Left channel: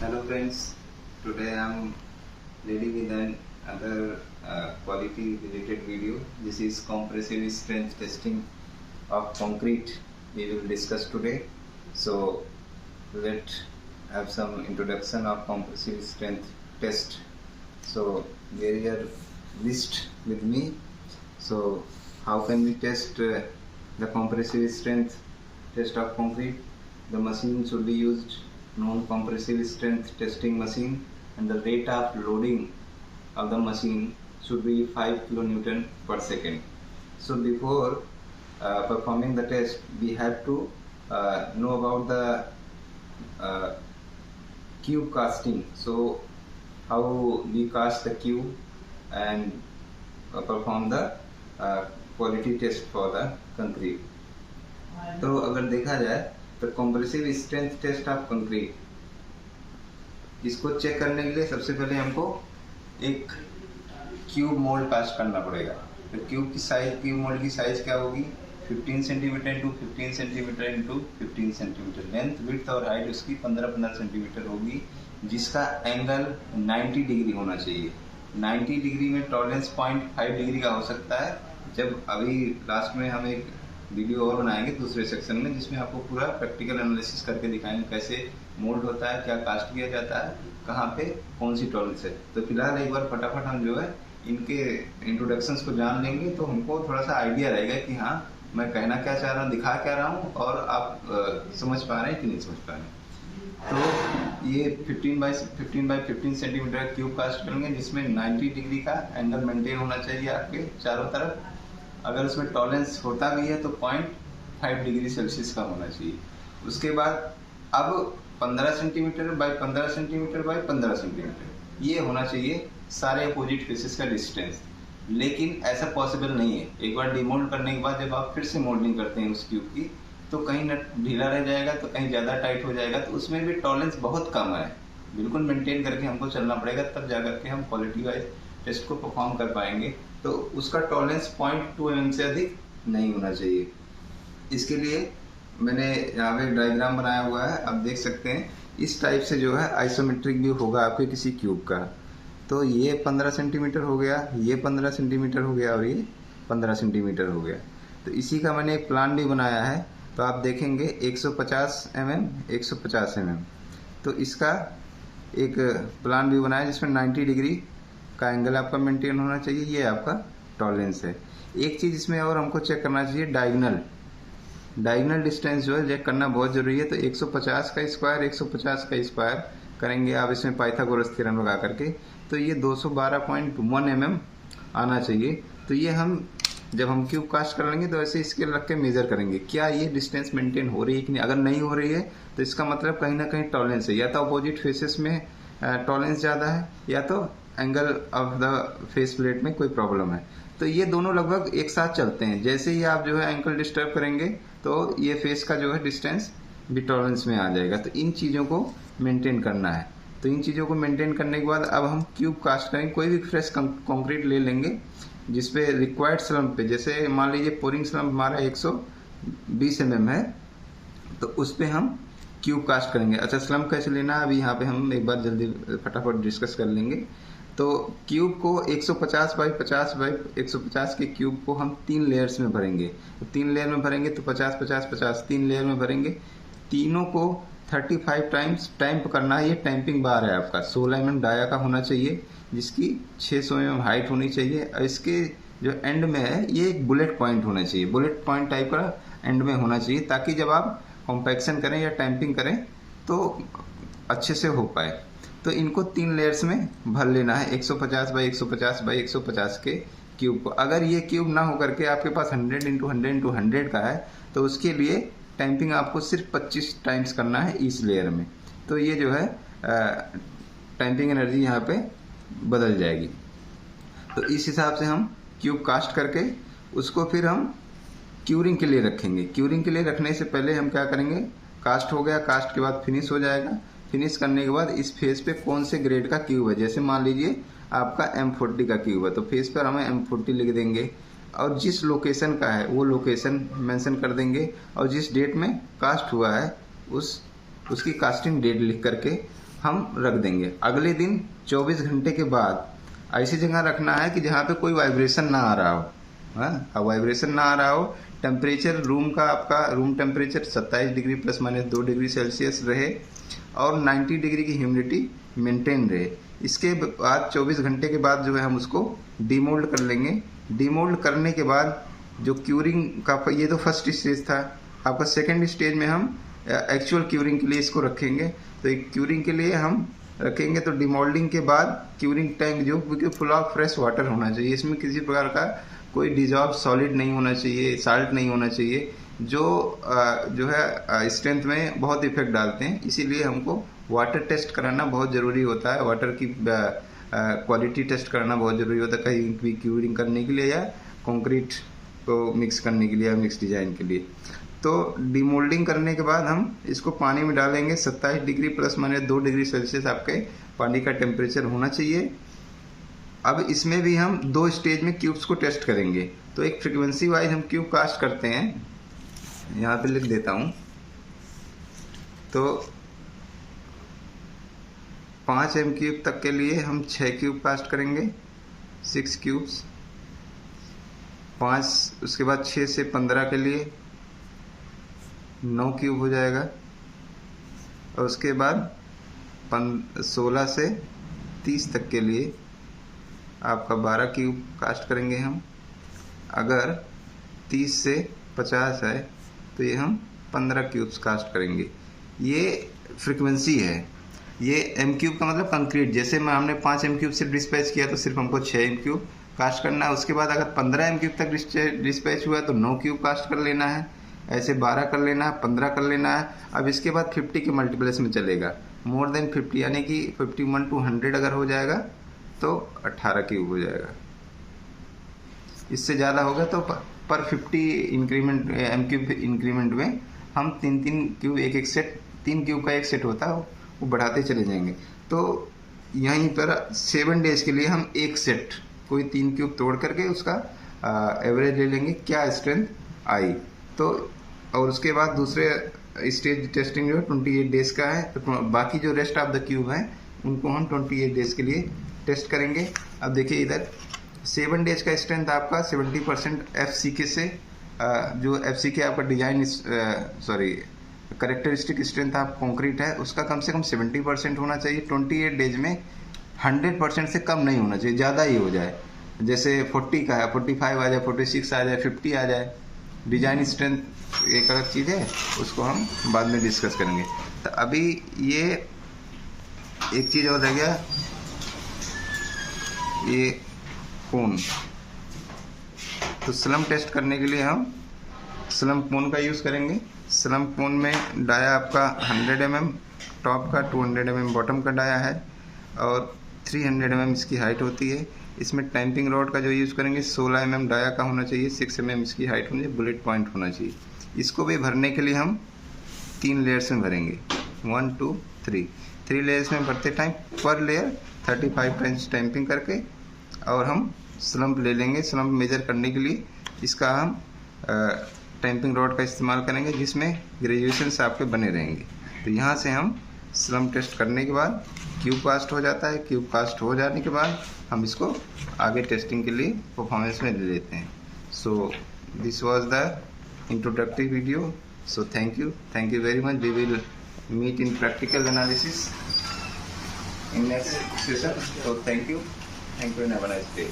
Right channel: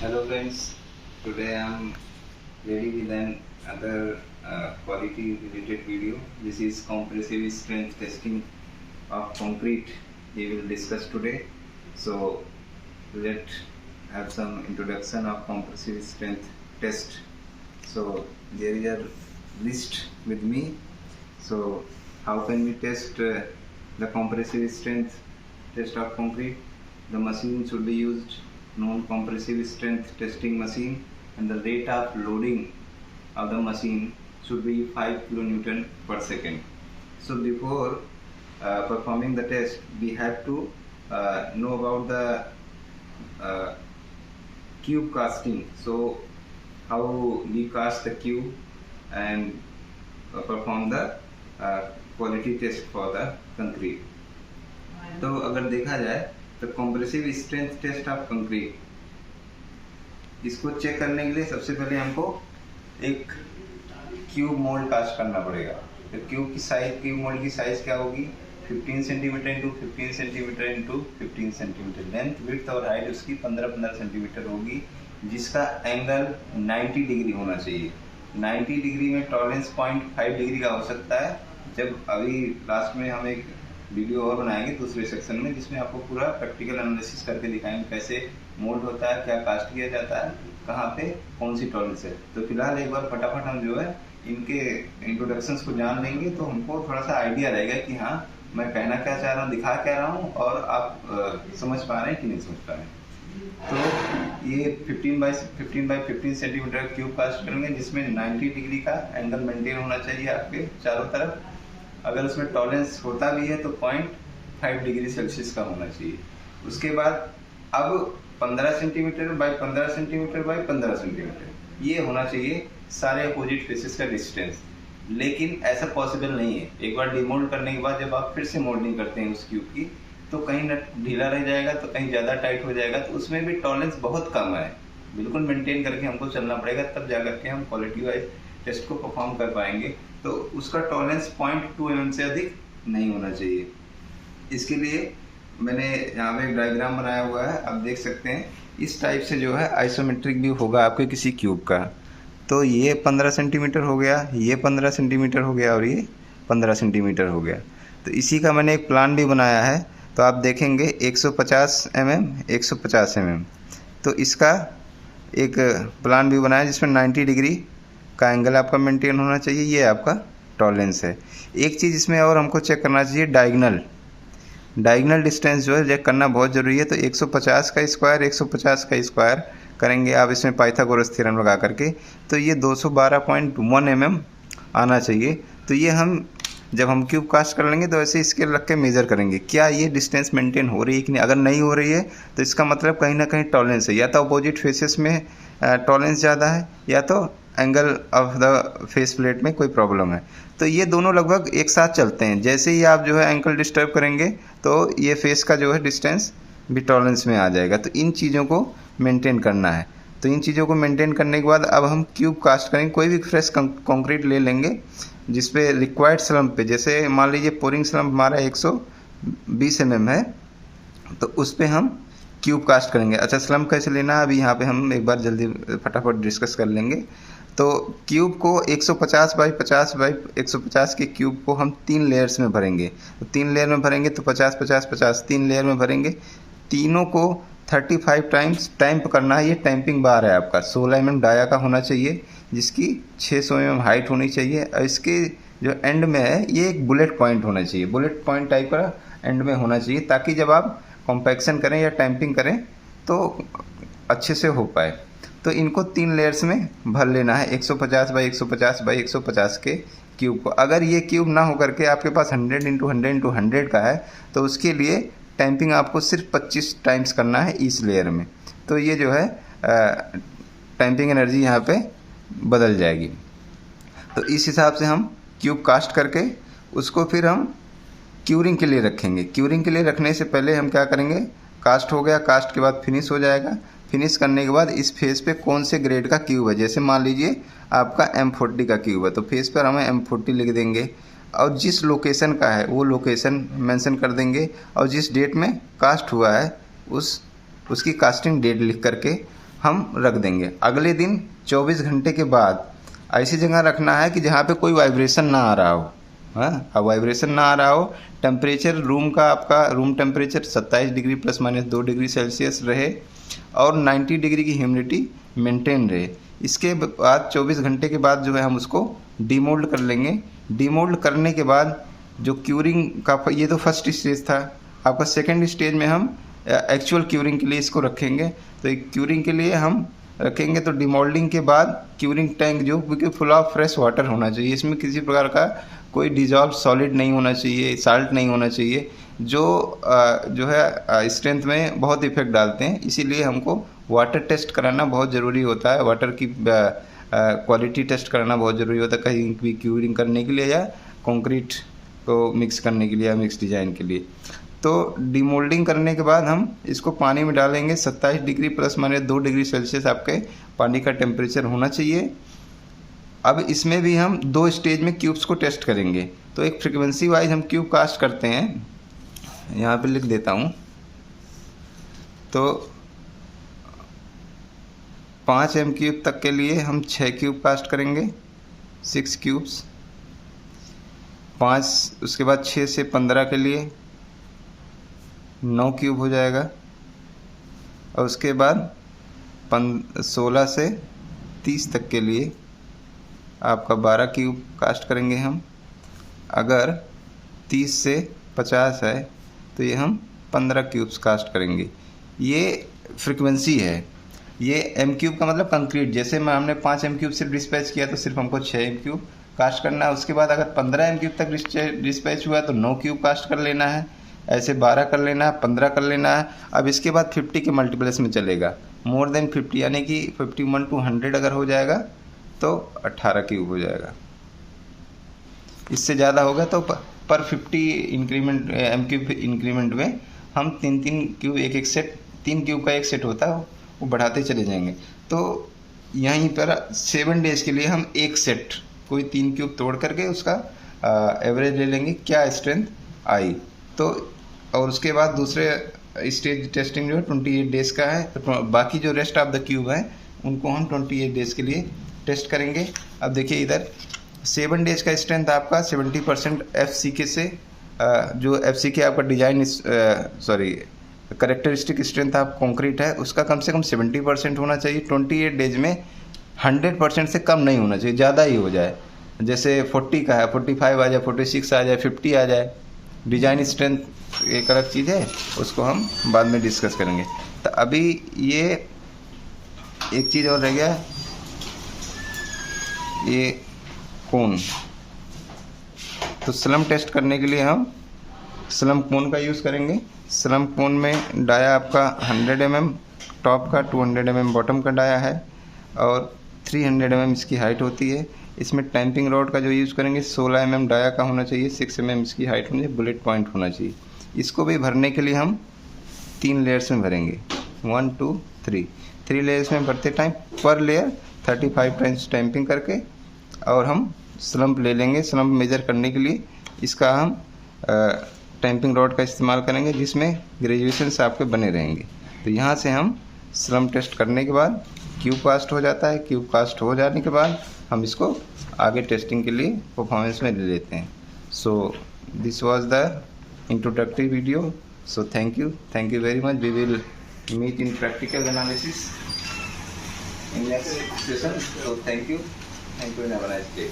Hello friends, today I am ready with another quality related video. This is compressive strength testing of concrete we will discuss today. So let have some introduction of compressive strength test. So there is a list with me. So how can we test the compressive strength test of concrete? The machine should be used non-compressive strength testing machine, and the rate of loading of the machine should be 5 kN per second. So before performing the test, we have to know about the cube casting. So how we cast the cube and perform the quality test for the concrete. तो अगर देखा जाए तो compressive strength test of concrete, इसको check करने के लिए सबसे पहले हमको एक क्यूब मोल्ड कास्ट करना पड़ेगा। तो क्यूब मोल्ड की साइज क्या होगी? 15 centimetre into 15 centimetre into 15 centimetre. Length, width और हाइट उसकी 15-15 सेंटीमीटर होगी, जिसका एंगल 90 डिग्री होना चाहिए। 90 डिग्री में टॉलरेंस 0.5 डिग्री का हो सकता है। जब अभी लास्ट में हम एक वीडियो और बनाएंगे दूसरे सेक्शन में, जिसमें आपको पूरा प्रैक्टिकल एनालिसिस करके दिखाएंगे कैसे मोल्ड होता है, क्या कास्ट किया जाता है, कहाँ पे कौन सी टॉलरेंस है। तो फिलहाल एक बार फटाफट हम जो है इनके इंट्रोडक्शंस को जान लेंगे, तो हमको थोड़ा सा आइडिया रहेगा कि हाँ मैं कहना क्या चाह रहा हूँ, दिखा क्या रहा हूँ, और आप समझ पा रहे हैं कि नहीं समझ पा रहे हैं। तो ये 15 सेंटीमीटर क्यूब कास्ट करेंगे, जिसमें 90 डिग्री का एंगल मेंटेन होना चाहिए आपके चारों तरफ। अगर उसमें टॉलरेंस होता भी है तो 0.5 डिग्री सेल्सियस का होना चाहिए। उसके बाद अब 15 centimetre by 15 centimetre by 15 centimetre ये होना चाहिए सारे अपोजिट फेसेस का डिस्टेंस। लेकिन ऐसा पॉसिबल नहीं है। एक बार डिमोल्ड करने के बाद जब आप फिर से मोल्डिंग करते हैं उस क्यूब की, तो कहीं नट ढीला रह जाएगा तो कहीं ज़्यादा टाइट हो जाएगा, तो उसमें भी टॉलरेंस बहुत कम है। बिल्कुल मेंटेन करके हमको चलना पड़ेगा, तब जा करके हम क्वालिटी वाइज टेस्ट को परफॉर्म कर पाएंगे। तो उसका टॉलरेंस 0.2 mm से अधिक नहीं होना चाहिए। इसके लिए मैंने यहाँ पे एक डायग्राम बनाया हुआ है, आप देख सकते हैं। इस टाइप से जो है आइसोमेट्रिक व्यू होगा आपके किसी क्यूब का। तो ये 15 सेंटीमीटर हो गया, ये 15 सेंटीमीटर हो गया, और ये 15 सेंटीमीटर हो गया। तो इसी का मैंने एक प्लान भी बनाया है। तो आप देखेंगे 150 mm 150 mm। तो इसका एक प्लान भी बनाया जिसमें 90 डिग्री का एंगल आपका मेंटेन होना चाहिए। ये आपका टॉलरेंस है। एक चीज़ इसमें और हमको चेक करना चाहिए, डायगोनल डिस्टेंस जो है चेक करना बहुत ज़रूरी है। तो 150 का स्क्वायर करेंगे आप इसमें पाइथागोरस थ्योरम लगा करके, तो ये 212.1 mm आना चाहिए। तो ये हम जब हम क्यूब कास्ट कर लेंगे तो ऐसे स्केल रख के मेज़र करेंगे क्या ये डिस्टेंस मेंटेन हो रही है कि नहीं। अगर नहीं हो रही है तो इसका मतलब कहीं ना कहीं टॉलरेंस है, या तो अपोजिट फेसेस में टॉलरेंस ज़्यादा है, या तो angle of the face plate में कोई प्रॉब्लम है। तो ये दोनों लगभग एक साथ चलते हैं। जैसे ही आप जो है एंकल डिस्टर्ब करेंगे तो ये फेस का जो है डिस्टेंस भी टॉलरेंस में आ जाएगा। तो इन चीज़ों को मेंटेन करना है। तो इन चीज़ों को मेंटेन करने के बाद अब हम क्यूब कास्ट करेंगे। कोई भी फ्रेश कंक्रीट ले लेंगे जिसपे रिक्वायर्ड स्लम्प पे, जैसे मान लीजिए पोरिंग स्लम्प हमारा 120 mm है, तो उस पर हम क्यूब कास्ट करेंगे। अच्छा, स्लम्प कैसे लेना है अभी यहाँ पे हम एक बार जल्दी फटाफट डिस्कस कर लेंगे। तो क्यूब को 150 बाई 150 के क्यूब को हम 3 लेयर्स में भरेंगे। तो 3 लेयर में भरेंगे तो 50-50-50 3 लेयर में भरेंगे। तीनों को 35 टाइम्स टैंप करना है। ये टैंपिंग बार है आपका 16 mm डाया का होना चाहिए, जिसकी 600 mm हाइट होनी चाहिए। और इसके जो एंड में है ये एक बुलेट पॉइंट होना चाहिए, बुलेट पॉइंट टाइप का एंड में होना चाहिए, ताकि जब आप कॉम्पैक्शन करें या टैंपिंग करें तो अच्छे से हो पाए। तो इनको 3 लेयर्स में भर लेना है 150 बाई 150 बाई 150 के क्यूब को। अगर ये क्यूब ना हो करके आपके पास 100 × 100 × 100 का है, तो उसके लिए टैंपिंग आपको सिर्फ 25 टाइम्स करना है इस लेयर में। तो ये जो है टैंपिंग एनर्जी यहाँ पे बदल जाएगी। तो इस हिसाब से हम क्यूब कास्ट करके उसको फिर हम क्यूरिंग के लिए रखेंगे। क्यूरिंग के लिए रखने से पहले हम क्या करेंगे, कास्ट हो गया, कास्ट के बाद फिनिश हो जाएगा। फिनिश करने के बाद इस फेस पे कौन से ग्रेड का क्यूब है, जैसे मान लीजिए आपका M40 का क्यूब है, तो फेस पर हमें M40 लिख देंगे, और जिस लोकेशन का है वो लोकेशन मेंशन कर देंगे, और जिस डेट में कास्ट हुआ है उसकी कास्टिंग डेट लिख करके हम रख देंगे। अगले दिन 24 घंटे के बाद ऐसी जगह रखना है कि जहाँ पे कोई वाइब्रेशन ना आ रहा हो। हाँ, अब वाइब्रेशन ना आ रहा हो, टेम्परेचर रूम का, आपका room temperature 27 degree ±2 degree Celsius रहे और 90 डिग्री की ह्यूमिडिटी मेंटेन रहे। इसके बाद 24 घंटे के बाद जो है हम उसको डीमोल्ड कर लेंगे। डीमोल्ड करने के बाद जो क्यूरिंग का, ये तो फर्स्ट स्टेज था। आपका सेकेंड स्टेज में हम एक्चुअल क्यूरिंग के लिए इसको रखेंगे। तो एक क्यूरिंग के लिए हम रखेंगे तो डिमोल्डिंग के बाद क्यूरिंग टैंक जो बिल्कुल फुल ऑफ फ्रेश वाटर होना चाहिए। इसमें किसी प्रकार का कोई डिजॉल्व सॉलिड नहीं होना चाहिए, साल्ट नहीं होना चाहिए, जो है स्ट्रेंथ में बहुत इफेक्ट डालते हैं। इसीलिए हमको वाटर टेस्ट कराना बहुत ज़रूरी होता है, वाटर की क्वालिटी टेस्ट कराना बहुत ज़रूरी होता है, कहीं भी क्यूरिंग करने के लिए या कंक्रीट को मिक्स करने के लिए या मिक्स डिज़ाइन के लिए। तो डीमोल्डिंग करने के बाद हम इसको पानी में डालेंगे। 27 डिग्री ±2 डिग्री सेल्सियस आपके पानी का टेम्परेचर होना चाहिए। अब इसमें भी हम 2 स्टेज में क्यूब्स को टेस्ट करेंगे। तो एक फ्रीक्वेंसी वाइज हम क्यूब कास्ट करते हैं, यहाँ पे लिख देता हूँ। तो 5 m³ तक के लिए हम 6 क्यूब कास्ट करेंगे, 6 क्यूब्स। 5, उसके बाद 6 से 15 के लिए 9 क्यूब हो जाएगा और उसके बाद 16 से 30 तक के लिए आपका 12 क्यूब कास्ट करेंगे हम। अगर 30 से 50 है तो ये हम 15 क्यूब्स कास्ट करेंगे। ये फ्रीक्वेंसी है। ये m³ का मतलब कंक्रीट। जैसे मैं हमने 5 m³ सिर्फ डिस्पैच किया तो सिर्फ हमको 6 m³ कास्ट करना है। उसके बाद अगर 15 m³ तक डिस्पैच हुआ तो 9 क्यूब कास्ट कर लेना है। ऐसे 12 कर लेना है, 15 कर लेना है। अब इसके बाद 50 के मल्टीप्लेस में चलेगा। मोर देन 50 यानी कि 51 to 100 अगर हो जाएगा तो 18 क्यूब हो जाएगा। इससे ज़्यादा होगा तो पर 50 इंक्रीमेंट m³ इंक्रीमेंट में हम 3 क्यूब एक सेट, 3 क्यूब का एक सेट होता है, वो बढ़ाते चले जाएंगे। तो यहीं पर 7 डेज के लिए हम एक सेट कोई 3 क्यूब तोड़ करके उसका एवरेज ले लेंगे, क्या स्ट्रेंथ आई। तो और उसके बाद दूसरे स्टेज टेस्टिंग जो है 28 डेज का है। तो बाकी जो रेस्ट ऑफ द क्यूब हैं उनको हम 28 डेज के लिए टेस्ट करेंगे। अब देखिए इधर 7 डेज का स्ट्रेंथ आपका 70% FCK से, जो FCK आपका डिजाइन करेक्टरिस्टिक स्ट्रेंथ आप कंक्रीट है उसका कम से कम 70% होना चाहिए। 28 डेज में 100% से कम नहीं होना चाहिए, ज़्यादा ही हो जाए। जैसे 40 का है, 45 आ जाए, 46 आ जाए, 50 आ जाए। डिजाइन स्ट्रेंथ एक अलग चीज़ है, उसको हम बाद में डिस्कस करेंगे। तो अभी ये एक चीज़ और रह गया, ये कोन। तो स्लम टेस्ट करने के लिए हम स्लम कोन का यूज़ करेंगे। स्लम कोन में डाया आपका 100 mm टॉप का, 200 mm बॉटम का डाया है और 300 mm इसकी हाइट होती है। इसमें टैंपिंग रॉड का जो यूज़ करेंगे 16 mm डाया का होना चाहिए, 6 mm इसकी हाइट में बुलेट पॉइंट होना चाहिए। इसको भी भरने के लिए हम 3 लेयर्स में भरेंगे, 1 2 3 लेयर्स में भरते टाइम पर लेयर 35 टाइम्स टैंपिंग करके और हम स्लम्प ले लेंगे। स्लम्प मेजर करने के लिए इसका हम टैंपिंग रॉड का इस्तेमाल करेंगे जिसमें ग्रेजुएशंस आपके बने रहेंगे। तो यहाँ से हम स्लम्प टेस्ट करने के बाद क्यूब कास्ट हो जाता है। क्यूब कास्ट हो जाने के बाद हम इसको आगे टेस्टिंग के लिए परफॉर्मेंस में ले लेते हैं। So this was the introductory video. So thank you very much. We will meet in practical analysis in next session. So thank you and have a nice day.